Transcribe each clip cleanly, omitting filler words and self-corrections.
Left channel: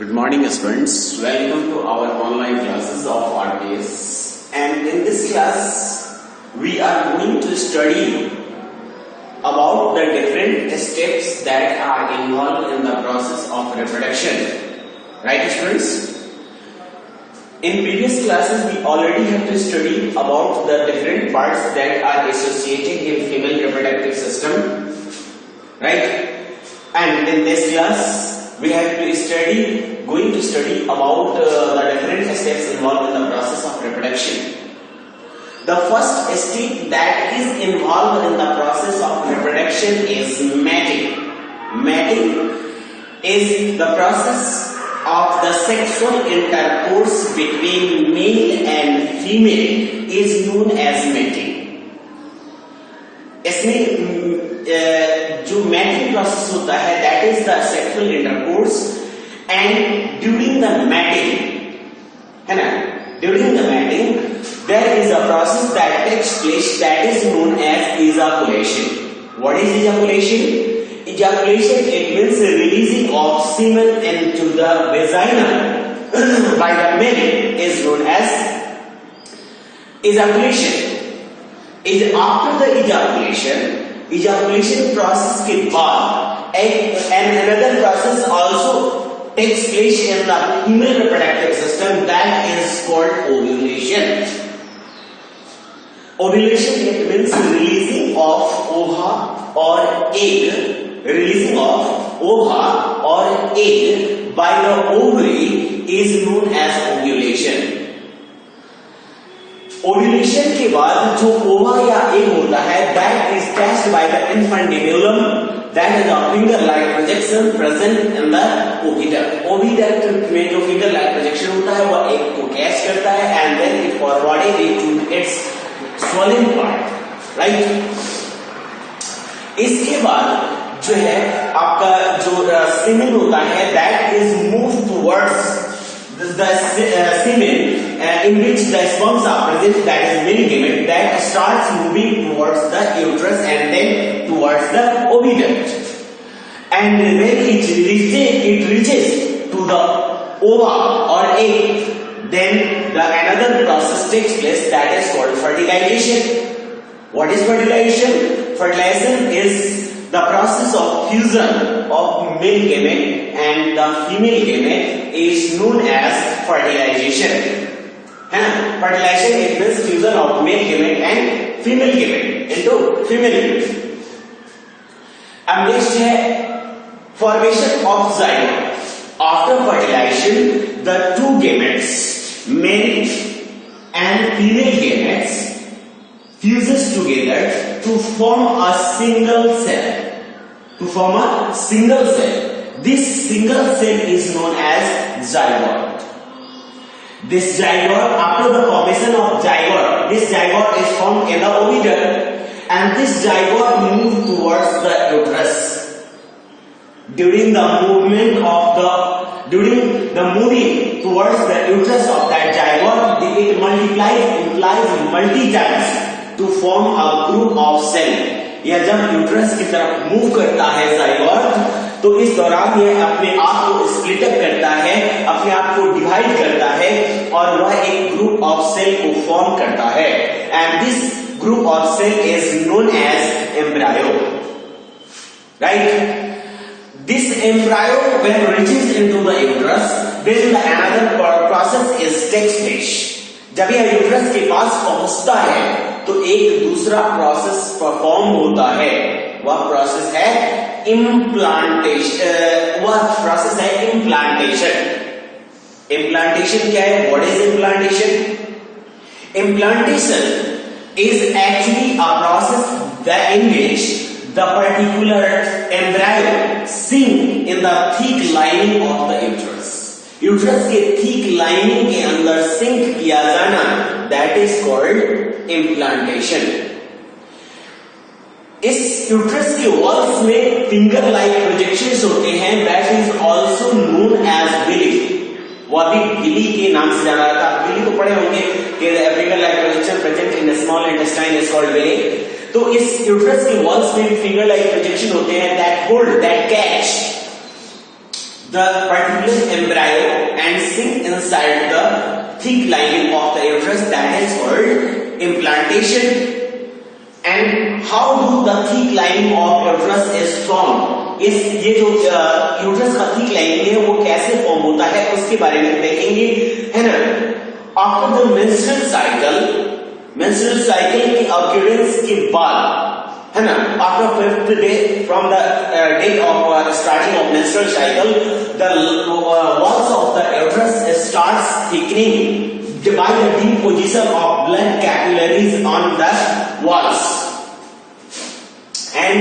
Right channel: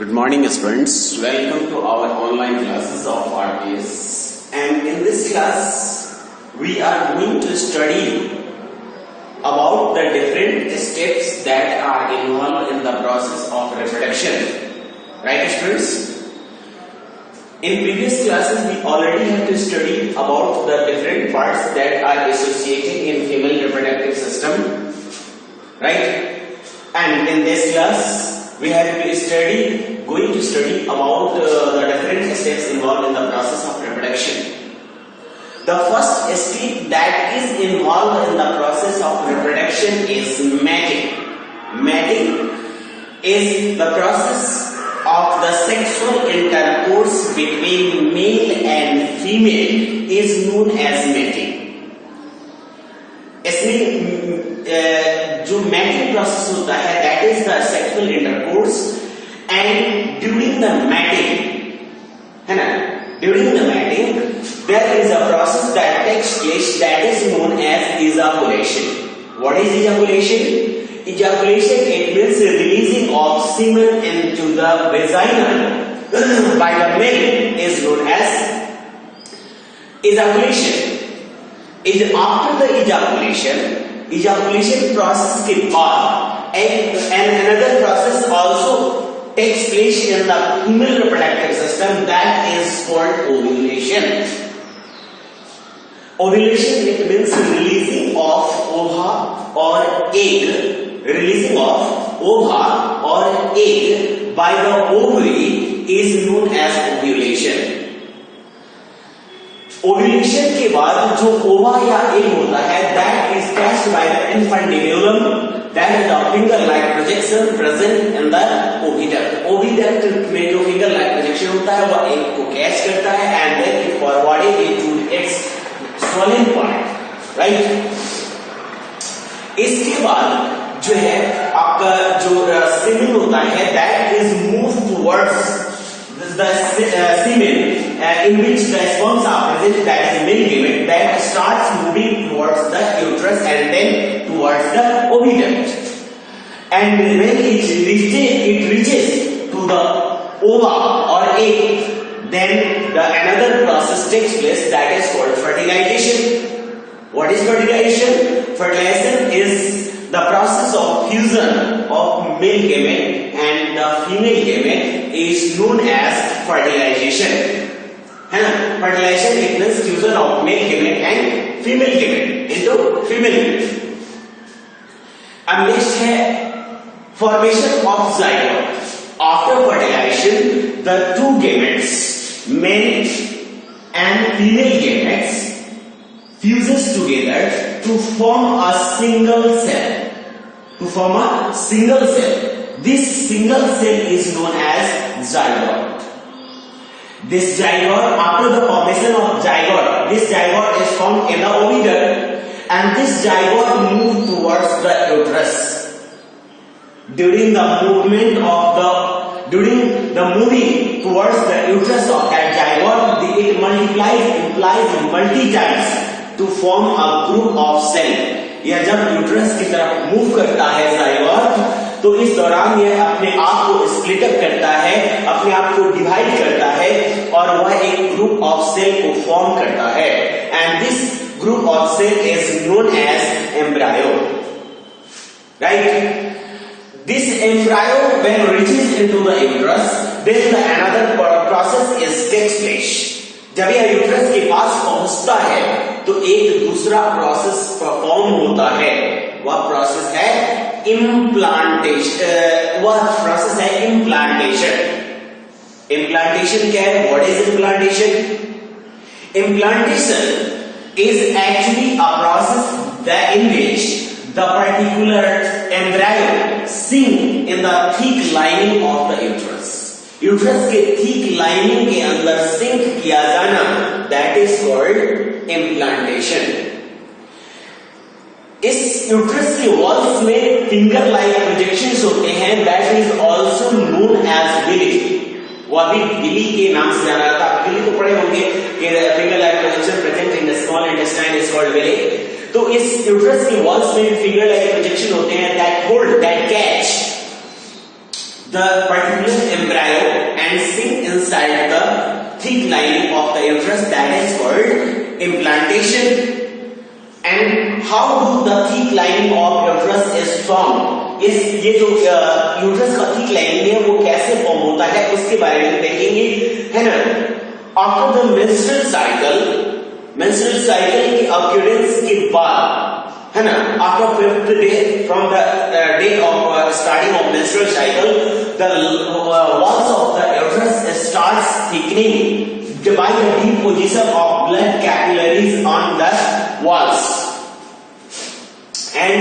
Good morning, students. Welcome to our online classes of RTS. And in this class, we are going to study about the different steps that are involved in the process of reproduction. Right, students? In previous classes, we already have to study about the different parts that are associated in female reproductive system. Right? And in this class, we have to going to study about the different steps involved in the process of reproduction. The first step that is involved in the process of reproduction is mating. Mating is the process of the sexual intercourse between male and female is known as mating. इसमें जो matting process होता है that is the sexual intercourse and during the mating है ना during the mating there is a process that takes place that is known as ejaculation. What is ejaculation? Ejaculation, it means releasing of semen into the vagina by the male is known as ejaculation. After the ejaculation process के बाद and another process also takes place in the female reproductive system that is called ovulation. Ovulation, it means releasing of ova or egg. Releasing of ova or egg by the ovary is known as ovulation. Ovulation के बाद जो ओवा या egg होता है that is catched by the infundibulum, that is a finger-like projection present in the oviduct. Oviduct में जो finger-like projection होता है वह एग को कैच करता है and then it forwarded it to its swollen part, right? इसके बाद जो है आपका जो semen होता है that is moved towards the semen in which the sperms are present, that is male gamete, that starts moving towards the uterus and then towards the oviduct. And when it reaches to the ova or egg, then another process takes place that is called fertilization. What is fertilization? Fertilization is the process of fusion of male gamete and the female gamete is known as fertilization. Fertilization it means fusion of male gamete and female gamete into female gamete. अब next है formation of zygote. After fertilization, the two gametes, male and female gametes, fuses together to form a single cell. To form a single cell. This single cell is known as zygote. This zygote, after the formation of zygote, this zygote is formed in the oviduct and this zygote moves towards the uterus. During the moving towards the uterus of that zygote, it multiplies multi times to form a group of cells. या जब uterus की तरफ move करता है zygote तो इस दौरान यह अपने आप को स्प्लिट अप करता है, अपने आप को डिवाइड करता है और वह एक ग्रुप ऑफ सेल को फॉर्म करता है and this group of cell is known as embryo. Right? This embryo when reaches into the uterus, then another process is takes place. जब यह यूट्रस के पास पहुंचता है तो एक दूसरा प्रोसेस परफॉर्म होता है. वह प्रोसेस है इम्प्लांटेशन. इम्प्लांटेशन क्या है? What is implantation? Implantation is actually a process in which the particular embryo sink in the thick lining of the uterus. Uterus के थिक लाइनिंग के अंदर सिंक किया जाना दैट इज कॉल्ड इम्प्लांटेशन. इस uterus के walls में finger like projections होते हैं that is also known as villi. वो भी विली के नाम से जाना जाता है. विली तो पढ़े होंगे कि finger like projection present in the small intestine is called villi. तो इस यूट्रस के वॉल्स में फिंगर लाइक प्रोजेक्शन होते हैं that hold that catch the particular embryo inside the thick lining of the uterus, that is called implantation. And how do the thick lining of uterus is formed? इस ये जो uterus का thick lining है वो कैसे form होता है उसके बारे में देखेंगे, है ना. आफ्टर द मेंस्ट्रुअल साइकिल की अक्यूरेंस के बाद, है ना, after 5th day from the day of starting of menstrual cycle, the walls of the uterus starts thickening by the deposition of blood capillaries on the walls, and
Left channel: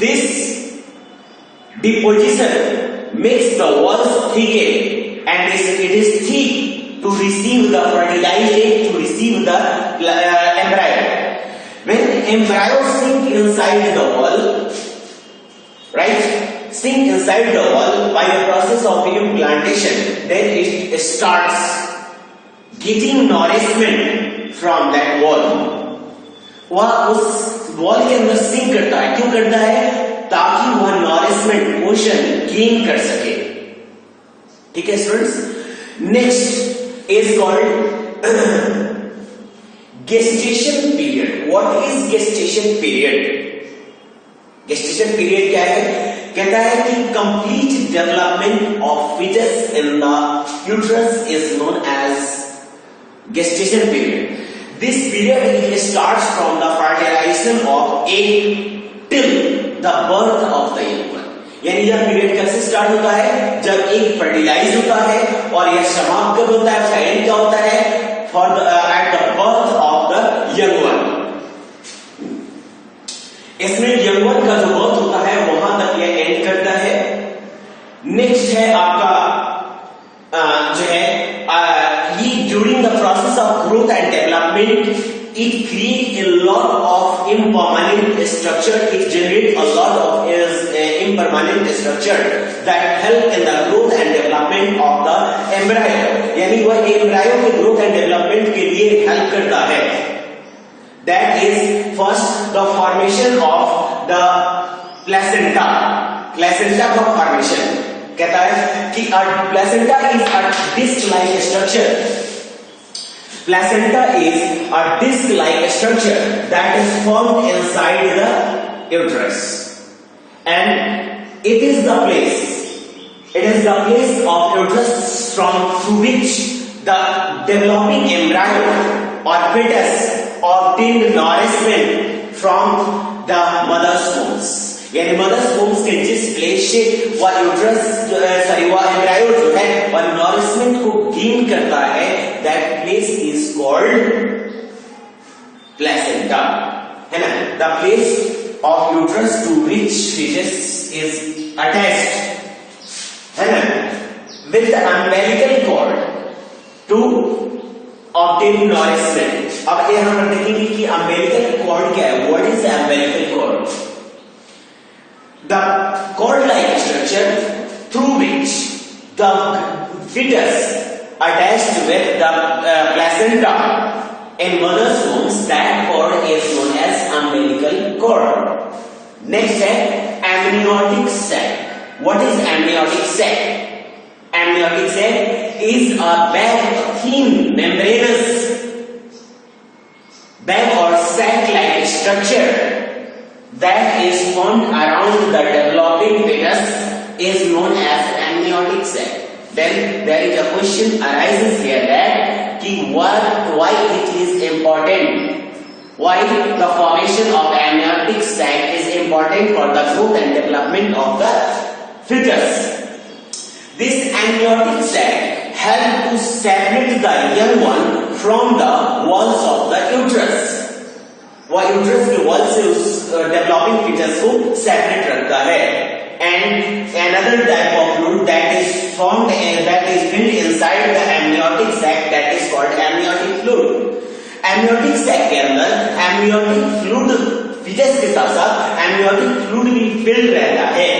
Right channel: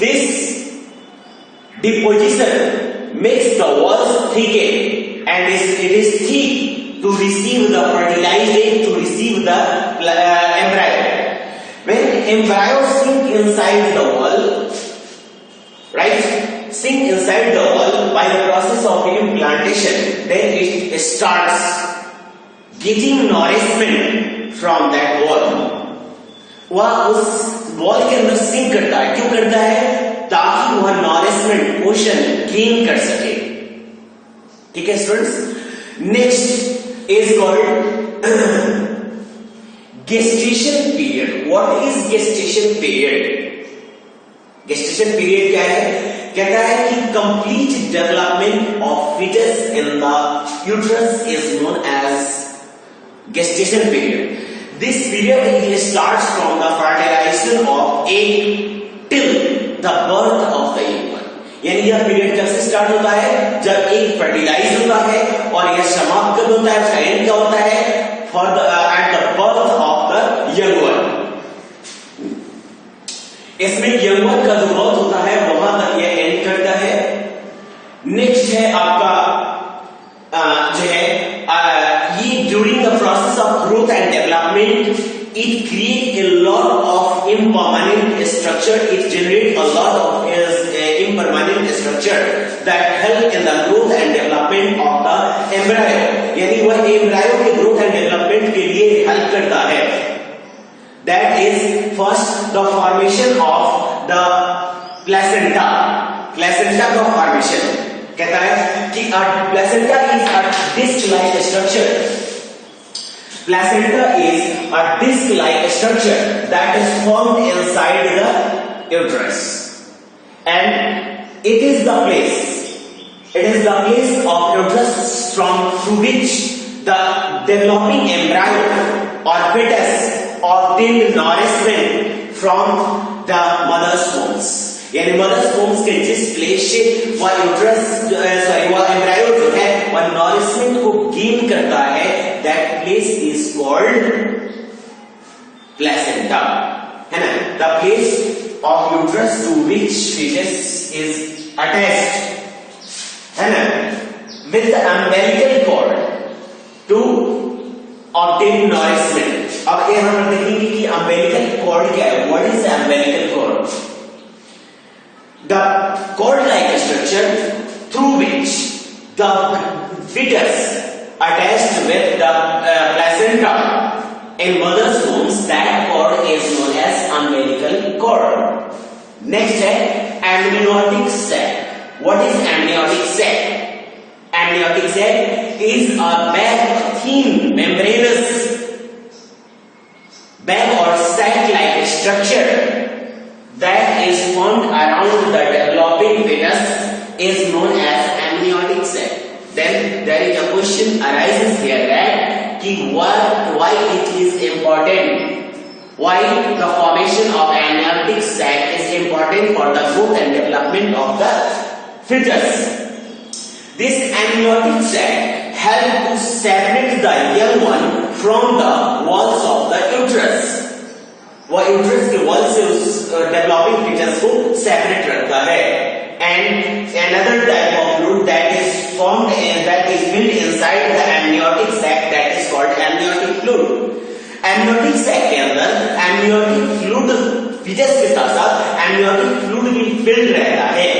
this deposition makes the walls thicken and it is thick to receive the fertilized egg, to receive the embryo. When embryo sink inside the wall, right, sink inside the wall by the process of implantation, then it starts getting nourishment from that wall. वह उस wall के अंदर sink करता है. क्यों करता है? ताकि वह नॉरिशमेंट पोषण गेन कर सके. ठीक है students. Next is called gestation period. What is gestation period? Gestation period क्या है? कहता है कि complete development of foetus in the uterus is known as gestation period. This period starts from the fertilization of egg till the birth of the young one. यानी यह period कैसे start होता है? जब एग फर्टिलाइज होता है और यह समाप्त कब होता है? एंड कब होता है? For the at the birth of the young one. इसमें यंग वन का जो बर्थ होता है वहां तक यह एंड करता है. नेक्स्ट है आपका जो है during the process of growth and development, it creates a lot of impermanent structure. It generates a lot of impermanent structure that help in the growth and development of the embryo. यानी वह embryo के growth and development के लिए help करता है. That is first the formation of the placenta. Placenta का formation कहता है कि placenta is a disc-like structure. Placenta is a disc-like structure that is formed inside the uterus, and it is the place of uterus through which the developing embryo or fetus obtained nourishment from the mother's wombs. यानी mother's वोम्स के जिस place से वह uterus वह embryo जो है वह nourishment को गेन करता है, that place is called placenta, है ना. The place of uterus to which foetus is attached, है ना, with the umbilical cord to obtain nourishment. अब ये हम देखेंगे कि अम्बिलिकल कॉर्ड क्या है. What is umbilical cord? The cord-like structure through which the fetus attached with the placenta in mother's womb, that cord is known as umbilical cord. Next है amniotic sac. What is amniotic sac? Amniotic sac is a bag, thin membranous bag or sac-like structure that is formed around the developing fetus is known as amniotic sac. Then there is a question arises here that why it is important, why the formation of amniotic sac is important for the growth and development of the fetus. This amniotic sac helps to separate the young one from the walls of the uterus. वह uterus के wall से उस developing foetus को separate रखता है. And another type of fluid that is formed that is filled inside the amniotic sac, that is called amniotic fluid. Amniotic sac के अंदर amniotic fluid foetus के साथ साथ एमनियोटिक फ्लूइड भी फिल्ड रहता है.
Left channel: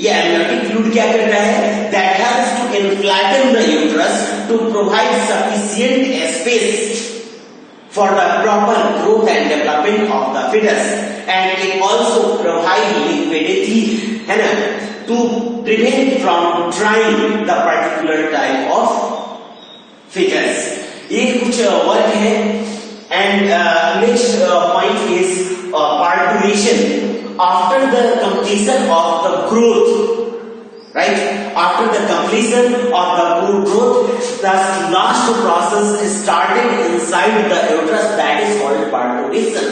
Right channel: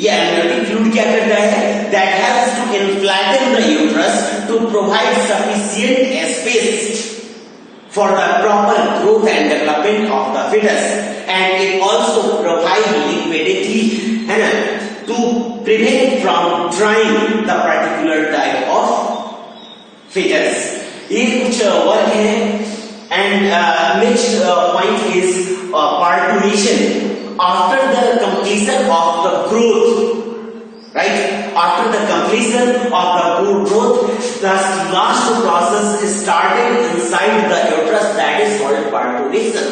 ये एमनियोटिक फ्लूइड क्या करता है? That helps to inflate the uterus to provide sufficient space for the proper growth and development of the fetus, and it also provides liquidity, है ना, to prevent from drying the particular type of features. ये कुछ work है and next point is parturition. After the completion of the growth, right? After the completion of the growth, the last process is started inside the uterus, that is called parturition.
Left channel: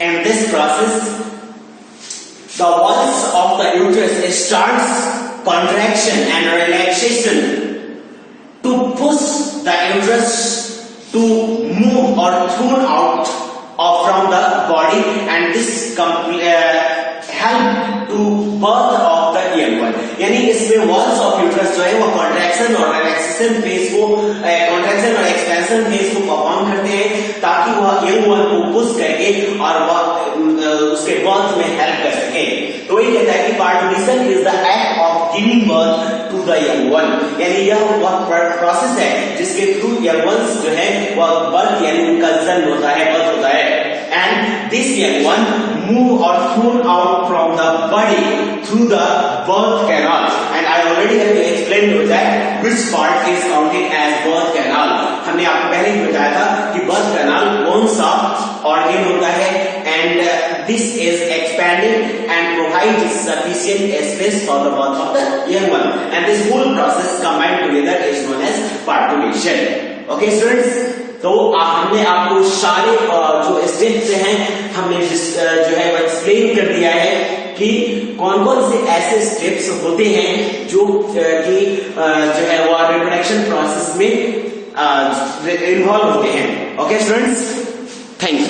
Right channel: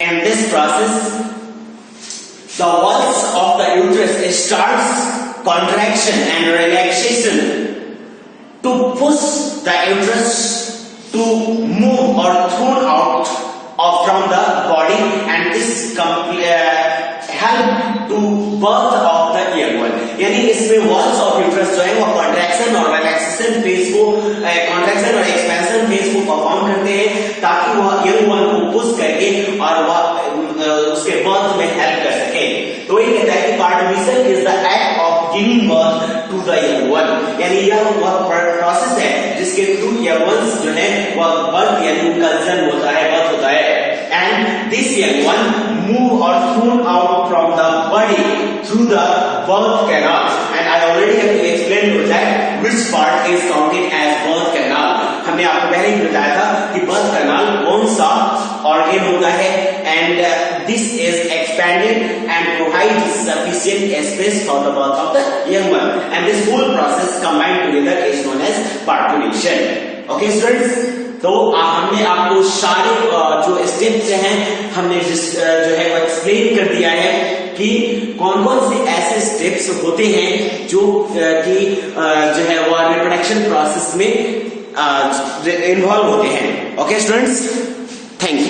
And this process, the walls of the uterus starts contraction and relaxation to push the uterus to move or thrown out from the body, and this help to birth of the young one. यानी इसमें walls of uterus जो है वो contraction और relaxation phase को contraction और expansion phase को perform करते हैं ताकि वह young one को push करके और वह उसके birth में help कर सके। तो ये कहता है कि parturition is the act of giving birth to the young one, यानी यह वह process है जिसके थ्रू young ones जो है वह birth यानी उनका जन्म होता है, birth होता है। And this young one move or thrown out from the body through the birth canal. And I already have to explain you that which part is counted as birth canal. हमने आपको पहले ही बताया था कि birth canal कौन सा organ होता है, and this is expanded and provides sufficient space for the birth of the young one. And this whole process combined together is known as parturition. Okay, students? तो हमने आपको सारे जो स्टेप्स हैं हमने जो है वो एक्सप्लेन कर दिया है कि कौन कौन से ऐसे स्टेप्स होते हैं जो कि जो है वो रिप्रोडक्शन प्रोसेस में इन्वॉल्व होते हैं। Okay students, thank you.